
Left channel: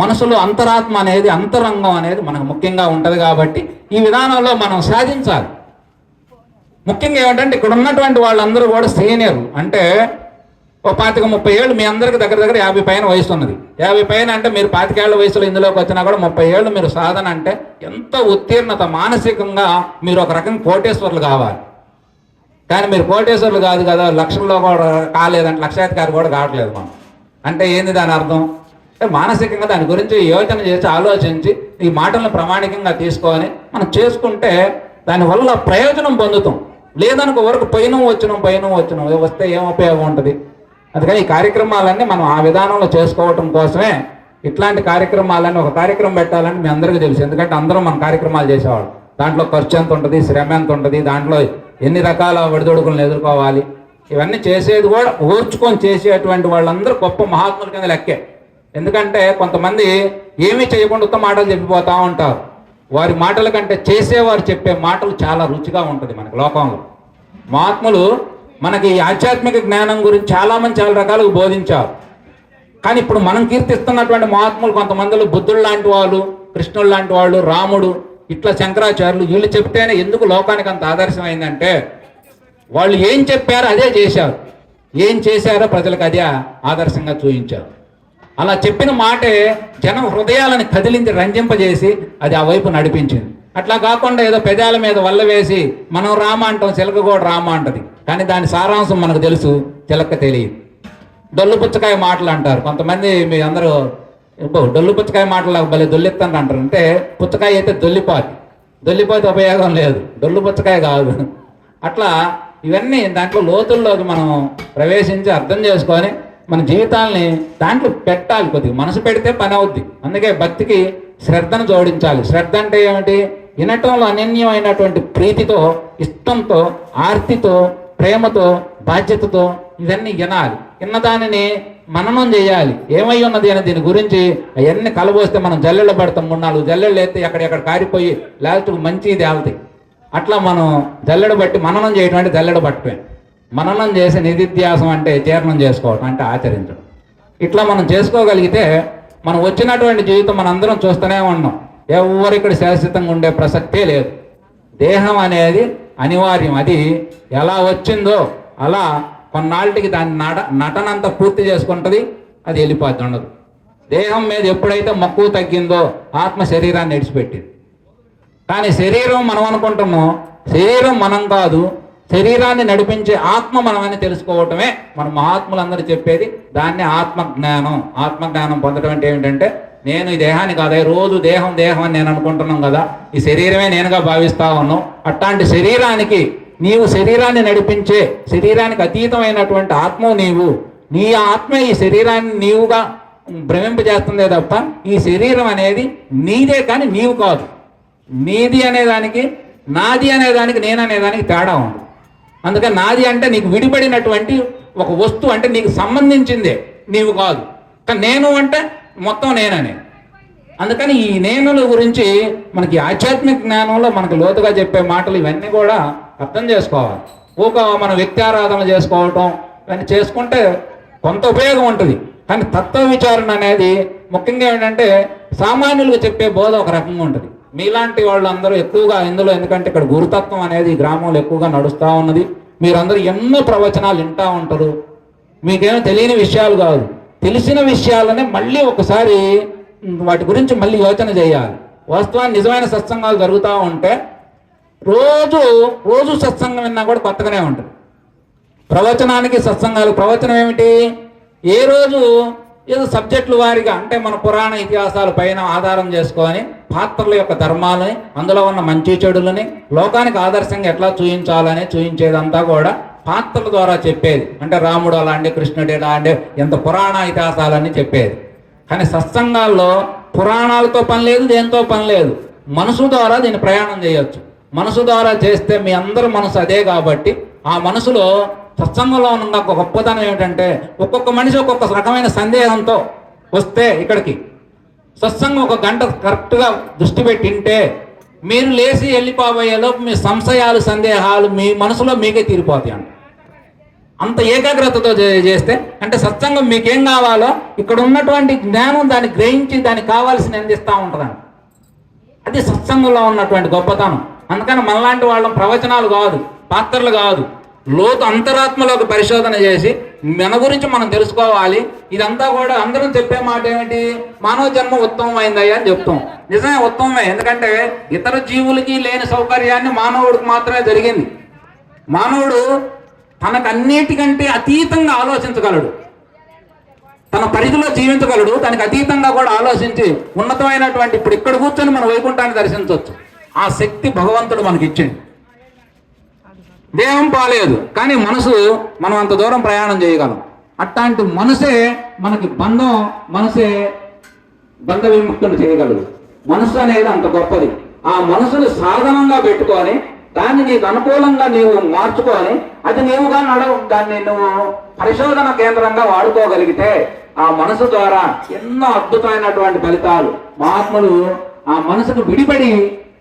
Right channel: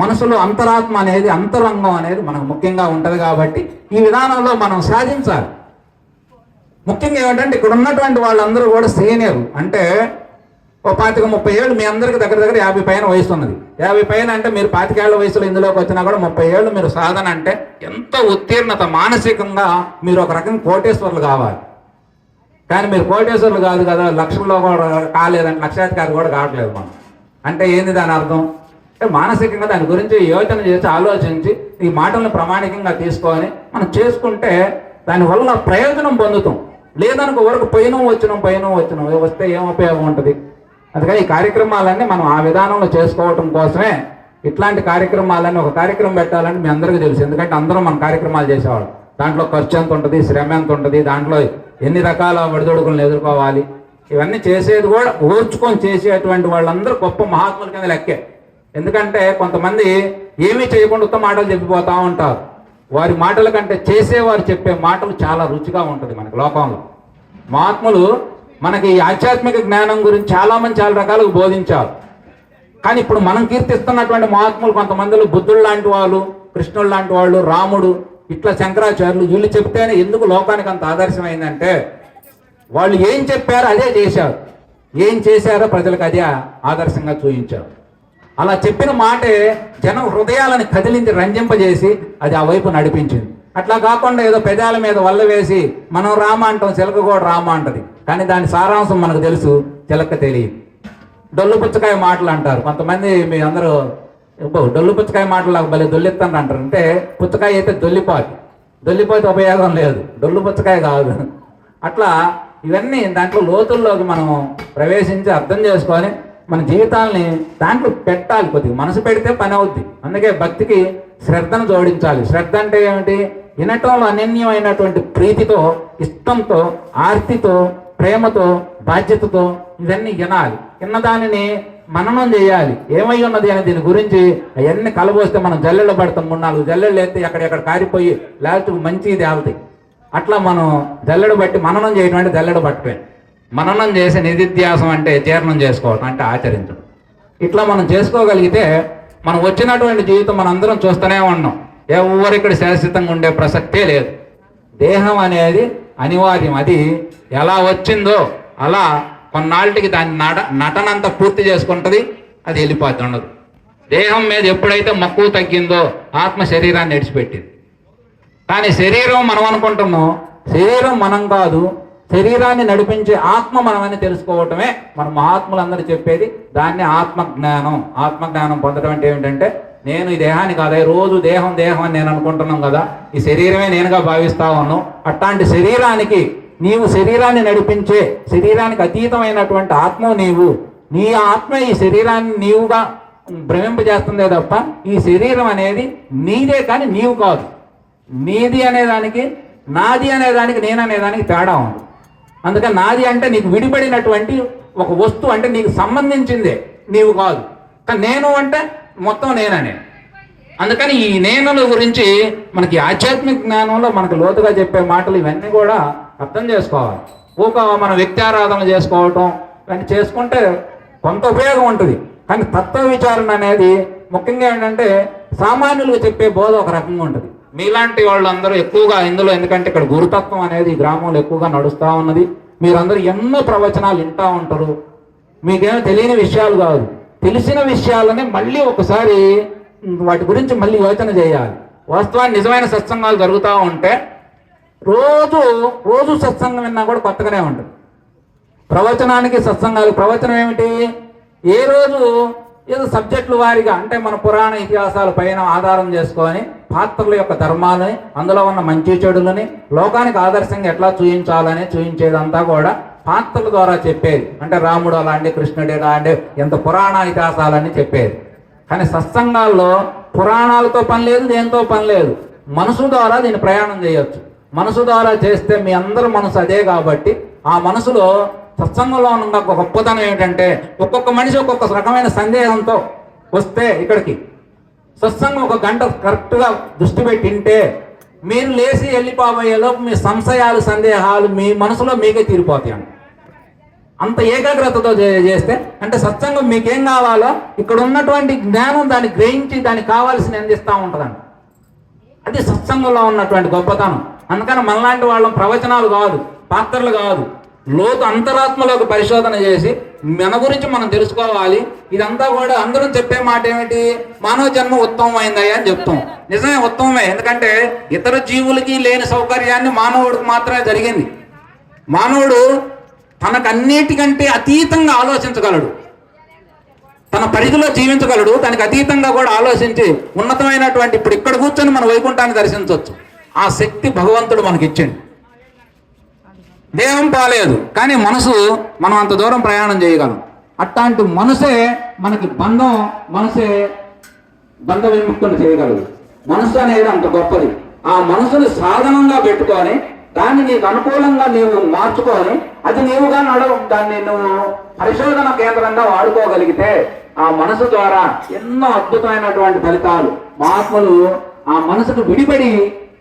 మనసులో అంతరాత్మ అనేది, అంతరంగం అనేది మనకు ముఖ్యంగా ఉంటుంది. కాబట్టి ఈ విధానంలో మనం సాధించాలి. ముఖ్యంగా ఏమిటంటే ఇక్కడ ఉన్నటువంటి వాళ్ళందరూ కూడా సీనియర్, అంటే ఓ 25-30 ఏళ్ళు, మీ అందరికి దగ్గర దగ్గర 50 పైన వయసు ఉన్నది. 50 పైన అంటే మీరు 25 ఏళ్ల వయసులో ఇందులోకి వచ్చినా కూడా 30 ఏళ్ళు మీరు సాధన అంటే ఎంత ఉత్తీర్ణత, మానసికంగా మీరు ఒక రకంగా కోటేశ్వర్లు కావాలి. కానీ మీరు కోటేశ్వర్లు కాదు కదా, లక్షల్లో కూడా కాలేదంటే, లక్షాధికారి కూడా కావట్లేదు మనం. అంటే ఏంది దాని అర్థం? మానసికంగా దాని గురించి యోచన చేసి ఆలోచించి ఈ మాటలను ప్రామాణికంగా తీసుకొని మనం చేసుకుంటే దానివల్ల ప్రయోజనం పొందుతాం. లేదనుకో వరకు పైన వచ్చిన వస్తే ఏం ఉపయోగం ఉంటుంది? అందుకని ఈ కార్యక్రమాలన్నీ మనం ఆ విధానంలో చేసుకోవటం కోసమే ఇట్లాంటి కార్యక్రమాలన్నీ, ఒక కార్యక్రమం పెట్టాలని మీ అందరికీ తెలుసు. ఎందుకంటే అందరం మన కార్యక్రమాలు చేసేవాళ్ళం. దాంట్లో ఖర్చు ఎంత ఉంటుంది, శ్రమ ఎంత ఉంటుంది, దాంట్లో ఎన్ని రకాల ఒడిదొడుకులను ఎదుర్కోవాలి, ఇవన్నీ చేసేది కూడా ఓర్చుకొని చేసేటువంటి వాళ్ళందరూ గొప్ప మహాత్ముల కింద లెక్కే. ఎందుకంటే కొంతమంది ఏమీ చేయకుండా ఉత్తమ మాటలు చెప్పిపోతూ ఉంటారు. వారి మాటల కంటే చేసేవారు చెప్పే మాటలు చాలా రుచిగా ఉంటుంది మనకి లోకంలో. మహాత్ములు మనకి ఆధ్యాత్మిక జ్ఞానం గురించి చాలామంది చాలా రకాలుగా బోధించారు. కానీ ఇప్పుడు మనం కీర్తిస్తున్నటువంటి మహాత్ములు కొంతమందిలో బుద్ధుడు లాంటి వాళ్ళు, కృష్ణుడు లాంటి వాళ్ళు, రాముడు, ఇట్లా శంకరాచార్యులు, వీళ్ళు చెప్తేనే ఎందుకు లోకానికి అంత ఆదర్శమైందంటే వాళ్ళు ఏం చెప్పారో అదే చేశారు, ఏం చేశారో ప్రజలకు అదే ఆదర్శంగా చూపించారు. అలా చెప్పిన మాటే జనం హృదయాలను కదిలించి రంజింపజేసి అది ఆ వైపు నడిపించింది. అట్లా కాకుండా ఏదో పెదాల మీద వల్ల వేసి మనం రామ అంటాం, చిలక కూడా రామ అంటది, కానీ దాని సారాంశం మనకు తెలుసు, చిలక తెలియదు. డొల్లు పుచ్చకాయ మాటలు అంటారు కొంతమంది, మీ అందరూ డొల్లు పుచ్చకాయ మాటలు భలే దొల్లిస్తాను అంటారు. అంటే పుచ్చకాయ అయితే దొల్లిపోతే ఉపయోగం లేదు, డొల్లు పుచ్చకాయ కాదు. అట్లా ఇవన్నీ దాంట్లో లోతుల్లోకి మనం ప్రవేశించి అర్థం చేసుకొని మన జీవితాలని దాంట్లో పెట్టాలి. కొద్దిగా మనసు పెడితే పని అవుద్ది. అందుకే భక్తికి శ్రద్ధను జోడించాలి. శ్రద్ధ అంటే ఏమిటి? వినటంలో అనన్యమైనటువంటి ప్రీతితో, ఇష్టంతో, ఆర్తితో, ప్రేమతో, బాధ్యతతో ఇవన్నీ వినాలి. విన్నదానిని మననం చేయాలి. ఏమై ఉన్నది అని దీని గురించి అవన్నీ కలబోస్తే మనం జల్లెళ్ళు పడతాం. 3-4 జల్లెళ్ళు అయితే ఎక్కడెక్కడ కారిపోయి లాస్ట్కు మంచి తేలుతాయి. అట్లా మనం జల్లెడు బట్టి మననం చేయడం అంటే జల్లెడు పట్టమే. మననం చేసి నిధిధ్యాసం అంటే జీర్ణం చేసుకోవటం, అంటే ఆచరించడం. ఇట్లా మనం చేసుకోగలిగితే మనం వచ్చినటువంటి జీవితం మనందరం చూస్తూనే ఉన్నాం. ఎవరిక్కడ శాశ్వతంగా ఉండే ప్రసక్తే లేదు. దేహం అనేది అనివార్యం. అది ఎలా వచ్చిందో అలా కొన్నాళ్ళకి దాని నటనంతా పూర్తి చేసుకుంటుంది, అది వెళ్ళిపోతూ ఉండదు. దేహం మీద ఎప్పుడైతే మక్కువ తగ్గిందో ఆత్మ శరీరాన్ని విడిచిపెట్టింది. కానీ శరీరం మనం అనుకుంటాము, శరీరం మనం కాదు, శరీరాన్ని నడిపించే ఆత్మ మనమని తెలుసుకోవటమే మన మహాత్ములందరూ చెప్పేది. దాన్ని ఆత్మజ్ఞానం. ఆత్మజ్ఞానం పొందడం అంటే ఏమిటంటే, నేను ఈ దేహాన్ని కాదా, రోజు దేహం అని నేను అనుకుంటున్నాం కదా, ఈ శరీరమే నేనుగా భావిస్తా ఉన్నాం. అట్లాంటి శరీరానికి, నీవు శరీరాన్ని నడిపించే, శరీరానికి అతీతమైనటువంటి ఆత్మ నీవు. నీ ఆత్మ ఈ శరీరాన్ని నీవుగా భ్రమింపజేస్తుందే తప్ప ఈ శరీరం అనేది నీదే కానీ నీవు కాదు. నీది అనేదానికి, నాది అనేదానికి, నేను అనేదానికి తేడా ఉంది. అందుకని నాది అంటే నీకు విడిపడినటువంటి ఒక వస్తువు, అంటే నీకు సంబంధించిందే, నీవు కాదు. కానీ నేను అంటే మొత్తం నేననే. అందుకని ఈ నేనుల గురించి మనకి ఆధ్యాత్మిక జ్ఞానంలో మనకు లోతుగా చెప్పే మాటలు ఇవన్నీ కూడా అర్థం చేసుకోవాలి. మనం వ్యక్తి ఆరాధన చేసుకోవటం ఇవన్నీ చేసుకుంటే కొంత ఉపయోగం ఉంటుంది. కానీ తత్వ విచారణ అనేది ముఖ్యంగా ఏంటంటే సామాన్యులుగా చెప్పే బోధ ఒక రకంగా ఉంటుంది. మీలాంటి వాళ్ళందరూ ఎక్కువగా ఇందులో, ఎందుకంటే ఇక్కడ గురుతత్వం అనేది ఈ గ్రామంలో ఎక్కువగా నడుస్తూ ఉన్నది. మీరందరూ ఎన్నో ప్రవచనాలు వింటూ ఉంటారు. మీకేమో తెలియని విషయాలు కాదు, తెలిసిన విషయాలనే మళ్ళీ ఒకసారి వాటి గురించి మళ్ళీ యోచన చేయాలి. వాస్తవానికి నిజమైన సత్సంగాలు జరుగుతూ ఉంటే రోజు సత్సంగం విన్నా కూడా కొత్తగానే ఉంటుంది. ప్రవచనానికి సత్సంగాలు, ప్రవచనం ఏమిటి? ఏ రోజు ఏదో సబ్జెక్టుల వారిగా అంటే మన పురాణ ఇతిహాసాల పైన ఆధారం చేసుకొని పాత్రల యొక్క ధర్మాలని, అందులో ఉన్న మంచి చెడులని, లోకానికి ఆదర్శంగా ఎట్లా చూయించాలని చూయించేదంతా కూడా పాత్రల ద్వారా చెప్పేది. అంటే రాముడు అలాంటి, కృష్ణుడు అలాంటి, ఎంత పురాణ ఇతిహాసాలన్నీ చెప్పేది. కానీ సత్సంగాల్లో పురాణాలతో పని లేదు, దేంతో పని లేదు. మనసు ద్వారా దీన్ని ప్రయాణం చేయొచ్చు. మనసు ద్వారా చేస్తే మీ అందరి మనసు అదే కాబట్టి ఆ మనసులో సత్సంగంలో ఉన్న ఒక గొప్పతనం ఏమిటంటే ఒక్కొక్క మనిషి ఒక్కొక్క రకమైన సందేహంతో వస్తే ఇక్కడికి సత్సంగం ఒక గంట కరెక్ట్గా దృష్టి పెట్టింటే మీరు లేచి వెళ్ళిపోబోయేలోపు మీ సంశయాలు, సందేహాలు మీ మనసులో మీకే తీరిపోతాయి. అంత ఏకాగ్రతతో చేస్తే అంటే సత్సంగం మీకేం కావాలో ఇక్కడ ఉన్నటువంటి జ్ఞానం దాన్ని గ్రహించి దానికి కావాల్సిన అందిస్తూ ఉంటుందండి. అది సత్సంగంలో ఉన్నటువంటి గొప్పతనం. అందుకని మనలాంటి వాళ్ళం ప్రవచనాలు కాదు, పాత్రలు కాదు, లోతు అంతరాత్మలోకి పరిశోధన చేసి మన గురించి మనం తెలుసుకోవాలి. ఇదంతా కూడా అందరం చెప్పే మాట ఏమిటి? మానవ జన్మ ఉత్తమమైందయ్యా అని చెప్తాం. నిజమే, ఉత్తమమే. ఎందుకంటే ఇతర జీవులకి లేని సౌకర్యాన్ని మానవుడికి మాత్రమే జరిగింది. మానవుడు తనకన్నిటికంటే అతీతంగా ఆలోచించగలడు, తన పరిధిలో జీవించగలడు, దానికి అతీతంగా కూడా ఆలోచించి ఉన్నతమైనటువంటి ఇప్పుడు ఇక్కడ కూర్చొని మన వైకుంఠాన్ని దర్శించవచ్చు. ఆ శక్తి భగవంతుడు మనకి ఇచ్చింది. దేహం పాలేదు కానీ మనసు మనం అంత దూరం ప్రయాణం చేయగలం. అట్లాంటి మనసే మనకి మనసే బంధ విముక్తులు చేయగలదు. మనసు అనేది అంత గొప్పది. ఆ మనసుని సాధనంగా పెట్టుకొని దాన్ని నీకు అనుకూలంగా నీవు మార్చుకొని అది నీవుగా దాన్ని నువ్వు పరిశోధన కేంద్రంగా వాడుకోగలిగితే ఆ మనసు ద్వారా ఎన్నో అద్భుతమైనటువంటి ఫలితాలు. మహాత్ములు ఆ మనసుకు విడిపడి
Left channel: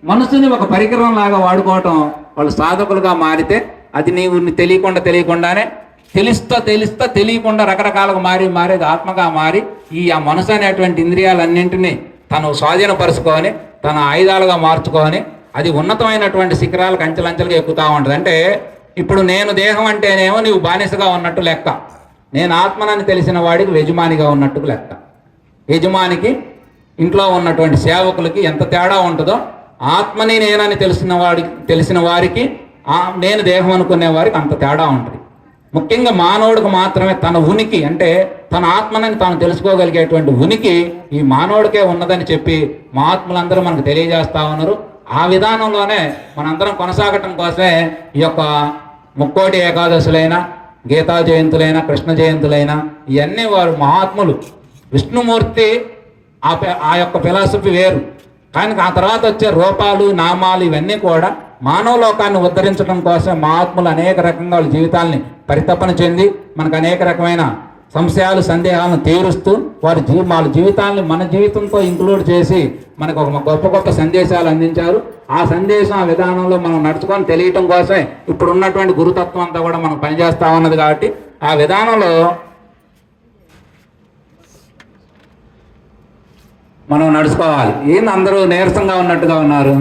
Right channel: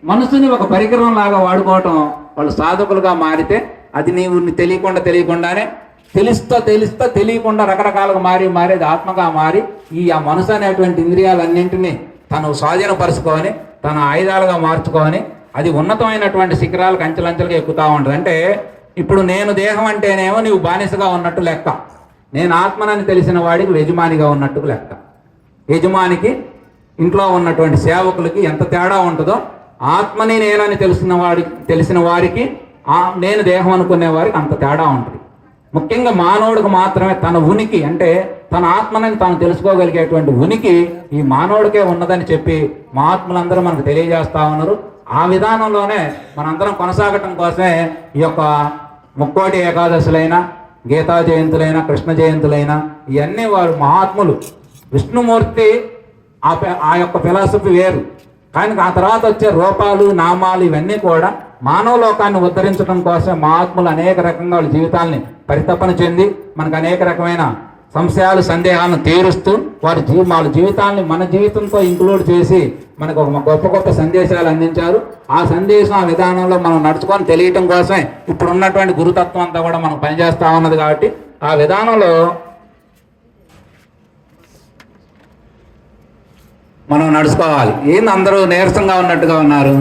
మనసుని ఒక పరికరం లాగా వాడుకోవటం, వాళ్ళు సాధకులుగా మారితే అది నీవు తెలియకుండానే తెలిస్తా తెలియకుండా రకరకాలుగా మారేది ఆత్మగా మారి ఆ మనసు అనేటువంటి ఇంద్రియాలన్నింటినీ తను స్వాధీనపరుచుకొని తన ఆయుధాలుగా మార్చుకొని అది ఉన్నతమైనటువంటి శిఖరాలకు అంచెలంచెలుగా ఎక్కుతూ ఉంటుంది. అంటే ఇప్పుడు నేను దేహం అంటేనేమో నీవు బానిసగా ఉన్నట్టు లెక్క, నేను ఆత్మనని తెలిసిన వాడికి యజమానిగా ఉన్నట్టు లెక్క. యజమానికి ఇంట్లో ఉన్నటువంటి సేవకులకి ఎంత తేడా ఉంటుందో ఆత్మని నేనని తెలిసిన వారికి నేను దేహం అనుకునే వారికి అంత తేడా ఉంటుంది. ముఖ్యంగా మానవుడికి మాత్రమే తన ఉనికి అంటే తన ఆత్మని తాను తెలుసుకోగలిగేటువంటి ఉనికి ఈ మానవుడికే ఉన్నదని చెప్పి మహాత్ములందరూ మనకు తెలియజేస్తా ఉన్నారు. ఆ విధానంలోనే మనందరం కొనసాగటం కోసమే ఈ యొక్క ముక్కోటి ఏకాదశులైన, గీతా జయంతులైన, కృష్ణ జయంతులైన ఇవన్నీ వారు మహాత్ములు. విష్ణుమూర్తి ఆ యొక్క ఫిలాసఫీ వేరు, కానీ ఆ తర్వాత వచ్చే రూపాలు, నామాలు ఇవన్నీ కూడా మానవ లోకాన్ని ఉద్ధరించడం కోసం మహాత్ములు అనేక రకంగా వాళ్ళ జీవితాలని పరితపన చెంది మనకు అనేక రకమైన సంశయాలు, సందేహాలను తీరుస్తూ వాళ్ళ జీవితాన్ని మన జీవితంతో ఇంక్లూడ్ చేసి మనకు ఒక గొప్ప సందేశాలు అందించారు. ఆ సందేశం, ఆ విధానంలో మనం నడుచుకొని తెలియటం కోసమే ఇప్పుడు ఉన్నటువంటి గురుతత్వం అంతా కూడా మనం పనిచేస్తూ ఉన్నది. కాబట్టి ఆ విధానంలో మనం నడుచుకోవాలి. ఏంది అందరూ నీరసంగా ఉన్నట్టుగా ఉన్నారు?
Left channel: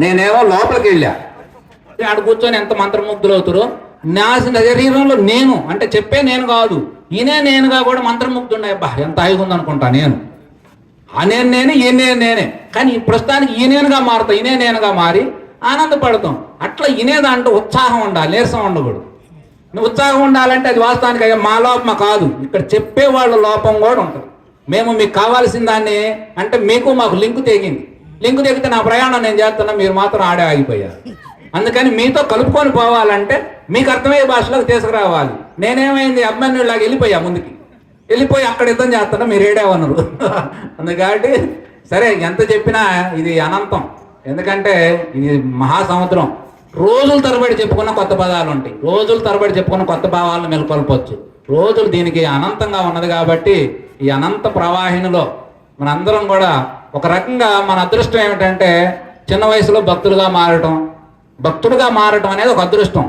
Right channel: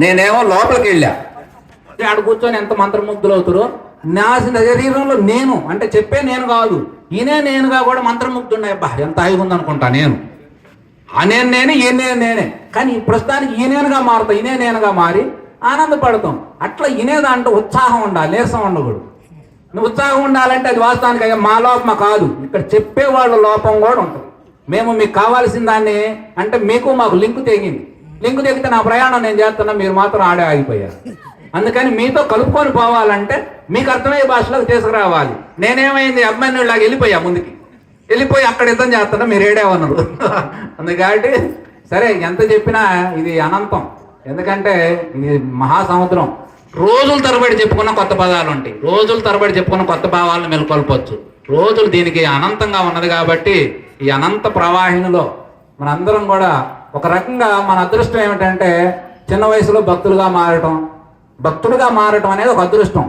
నేనేమో లోపలికి వెళ్ళా, ఆడ కూర్చొని ఎంత మంత్రముగ్ధులు అవుతారో. నా శరీరంలో నేను అంటే చెప్పే నేను కాదు, నేనుగా కూడా మంత్రముగ్ధున్నాయి. అబ్బా ఎంత హాయిగా ఉందనుకుంటా నేను. ఆ నేనే నేనే కానీ ప్రస్తుతానికి నేనుగా మారుతా, నేనుగా మారి ఆనందపడతాం. అట్లా దాంట్లో ఉత్సాహం ఉండాలి, నీరసం ఉండకూడదు. ఉత్సాహం ఉండాలంటే అది వాస్తవానికి అయ్యా మా లోపమ కాదు, ఇక్కడ చెప్పేవాళ్ళ లోపం కూడా ఉంటుంది. మేము మీకు కావాల్సిన దాన్ని అంటే మీకు మాకు లింక్ తెగితే నా ప్రయాణం నేను చేస్తున్నా, మీరు మాత్రం ఆడే ఆగిపోయారు. అందుకని మీతో కలుపుకొని పోవాలంటే మీకు అర్థమయ్యే భాషలోకి తీసుకురావాలి. నేనేమైంది అమ్మాయి లాగా వెళ్ళిపోయి అక్కడ యుద్ధం చేస్తున్నా, మీరు ఏడేవన్నారు. అందుకని సరే ఎంత చెప్పినా ఇది అనంతం. ఎందుకంటే ఇది మహాసముద్రం. రోజుల తరబడి చెప్పుకున్న కొత్త పదాలు ఉంటాయి, రోజుల తరబడి చెప్పుకున్న కొత్త భావాలను మెలుకొల్పొచ్చు. రోజులు దీనికి అనంతంగా ఉన్నది. కాబట్టి ఈ అనంత ప్రవాహినిలో మనందరం కూడా ఒక రకంగా మన అదృష్టం ఏమిటంటే చిన్న వయసులో భక్తుడుగా మారటం అనేది ఒక అదృష్టం.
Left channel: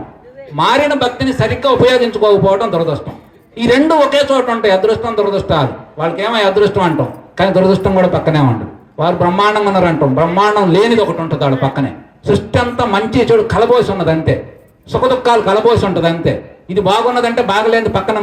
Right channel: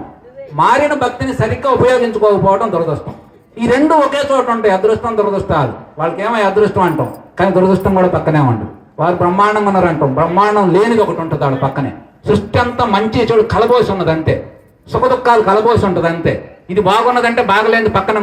మారిన భక్తిని సరిగ్గా ఉపయోగించుకోకపోవడం దురదృష్టం. ఈ రెండు ఒకే చోట ఉంటాయి, అదృష్టం, దురదృష్టాలు. వాళ్ళకి ఏమో అదృష్టం అంటాం, కానీ దురదృష్టం కూడా పక్కనే ఉంటుంది. వారు బ్రహ్మాండంగా ఉన్నారంటాం, బ్రహ్మాండం లేనిది ఒకటి ఉంటుంది వాళ్ళ పక్కనే. సృష్టి అంతా మంచి చెడు కలబోసి ఉన్నది అంతే, సుఖ దుఃఖాలు కలబోసి ఉంటుంది అంతే. ఇది బాగున్నదంటే బాగలేనిది పక్కన